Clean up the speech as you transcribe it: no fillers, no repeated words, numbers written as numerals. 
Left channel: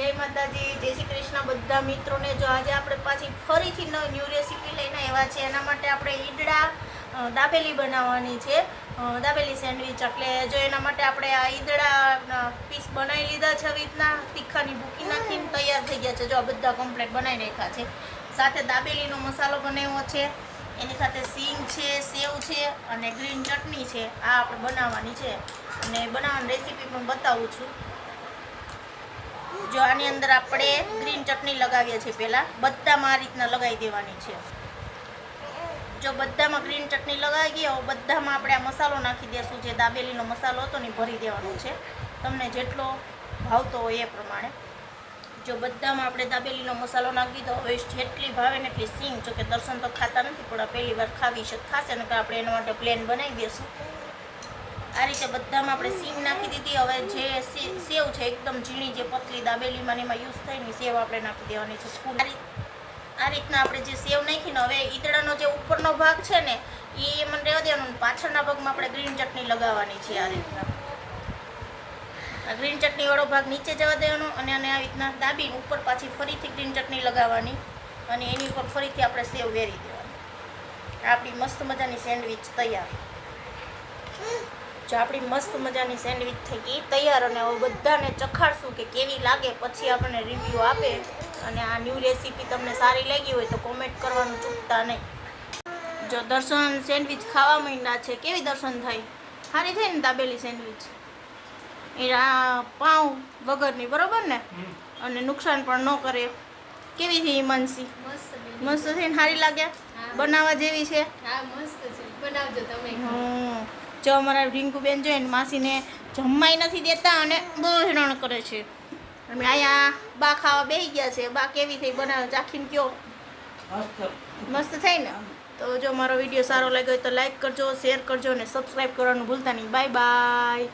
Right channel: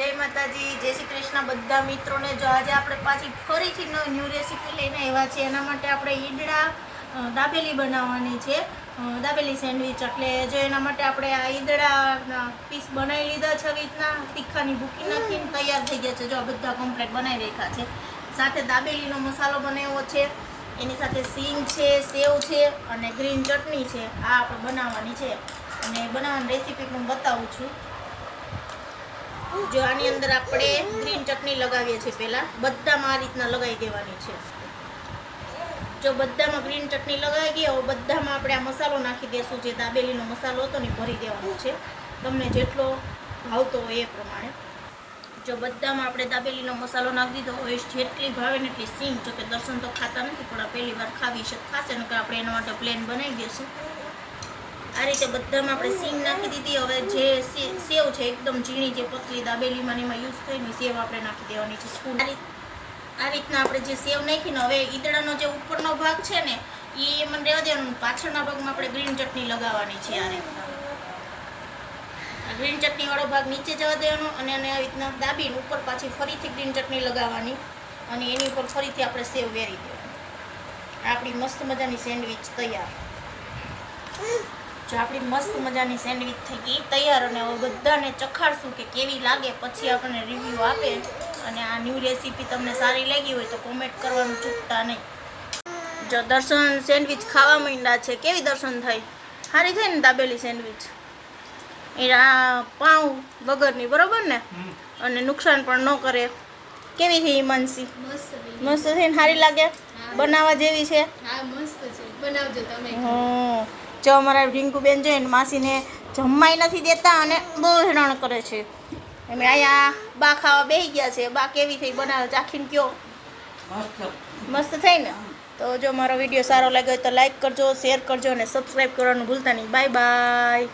જય માતાજી, જય શ્રી કૃષ્ણ બધા મિત્રોને। જો આજે આપણે પાછી ફરીથી ન્યૂ રેસીપી લઈને આવ્યા છીએ। એના માટે આપણે ઈદડા દાબેલી બનાવવાની છે, દાબેલી સેન્ડવિચ। એટલે જો એના માટે આપણે આ ઈદડા પીસ બનાવી લીધા છે, આવી રીતના તીખાની ભૂકી નાખીને તૈયાર થઈ ગયા છે। જો બધા કમ્પ્લીટ બનાવી રાખ્યા છે। સાથે દાબેલીનો મસાલો બનાવ્યો છે, એની સાથે સીંગ છે, સેવ છે અને ગ્રીન ચટણી છે। આ આપણે બનાવવાની છે અને બનાવવાની રેસીપી પણ બતાવું છું। જો આની અંદર આપણે ગ્રીન ચટણી લગાવીએ છીએ, પહેલા બધામાં આ રીતના લગાવી દેવાની છે। જો બધામાં ગ્રીન ચટણી લગાવી ગઈ હવે બધામાં આપણે આ મસાલો નાખી દેશું। જે દાબેલીનો મસાલો હતો ને ભરી દેવાનો છે, તમને જેટલો ભાવતો હોય એ પ્રમાણે। જો બધામાં આપણે દાબેલીનો મસાલો નાખી દીધો। હવે જેટલી ભાવે ને એટલી સીંગ, જો કે દર્શન તો ખાતા નથી પણ પહેલી વાર ખાવી છે ખાશે ને, કે આપણે એના માટે પ્લેન બનાવી દઈશું। આ રીતે બધામાં આપણે સીંગ નાખી દીધી। હવે જે સેવ છે એકદમ ઝીણી, જે પતલી દાબેલીમાં એમાં યુઝ થાય ને સેવ આપણે નાખી દેવાની છે। આ રીતના આપણે જે સેવ નાખીને હવે ઈદડાનો જે ઉપરનો ભાગ છે ને એ એમાં રહેવા દેવાનું, પાછળના ભાગમાં આપણે ગ્રીન ચટણી લગાવવાની છે। આ રીતના આ ગ્રીન ચટણી વાળો ભાગ નીચે જવા દેવાનો અને આ રીતના દાબીને ઉપર પાછી ફરીથી ગ્રીન ચટણી લગાવવાની અને એની ઉપર ફરીથી આપણે સેવ વેરી દેવાની। આપણી મસ્ત મજાની સેન્ડવિચ તૈયાર। જો આપણી મસ્ત મજાની સેન્ડવિચ થઈ ગઈ તૈયાર અને હવે બધાને ચખાડશું કે કેવી લાગે, પછી આપણને રિવ્યૂ આપે। અને આ ન્યૂ રેસીપી તમને સારી લાગી હોય તો કોમેન્ટ કરવાનું ચૂકતા નહીં। જો દર્શન સેન્ડવિચ ખાવા માંડ્યા છે, કેવી દર્શન થાય? સારી થાય ને દાબેલી સેન્ડવિચ? એ આ પાઉં વગરની, બરોબર ને? અને નુકસાન પણ ન કરે। કેવી છે હિમાંશી? મસ્ત છે ને? સારી લાગે? બનાવવા જેવી છે? હા મસ્ત છે, બનાવજો તમે। જો અમારા રિંકુબેન જોઈને માસીને જમવાય નથી દેતા અને બહુ હેરાન કરે છે। અમે અહીંયા બા ખાવા બેસી ગયા છે। બા કેવી થઈ બનાવે ચાખીને કયો? મસ્ત થઈ ને? તો જો મારો વિડીયો સારો લાગ્યો હોય તો લાઈક કરજો, શેર કરજો અને સબસ્ક્રાઈબ કરવાનું ભૂલતા નહીં। Bye bye.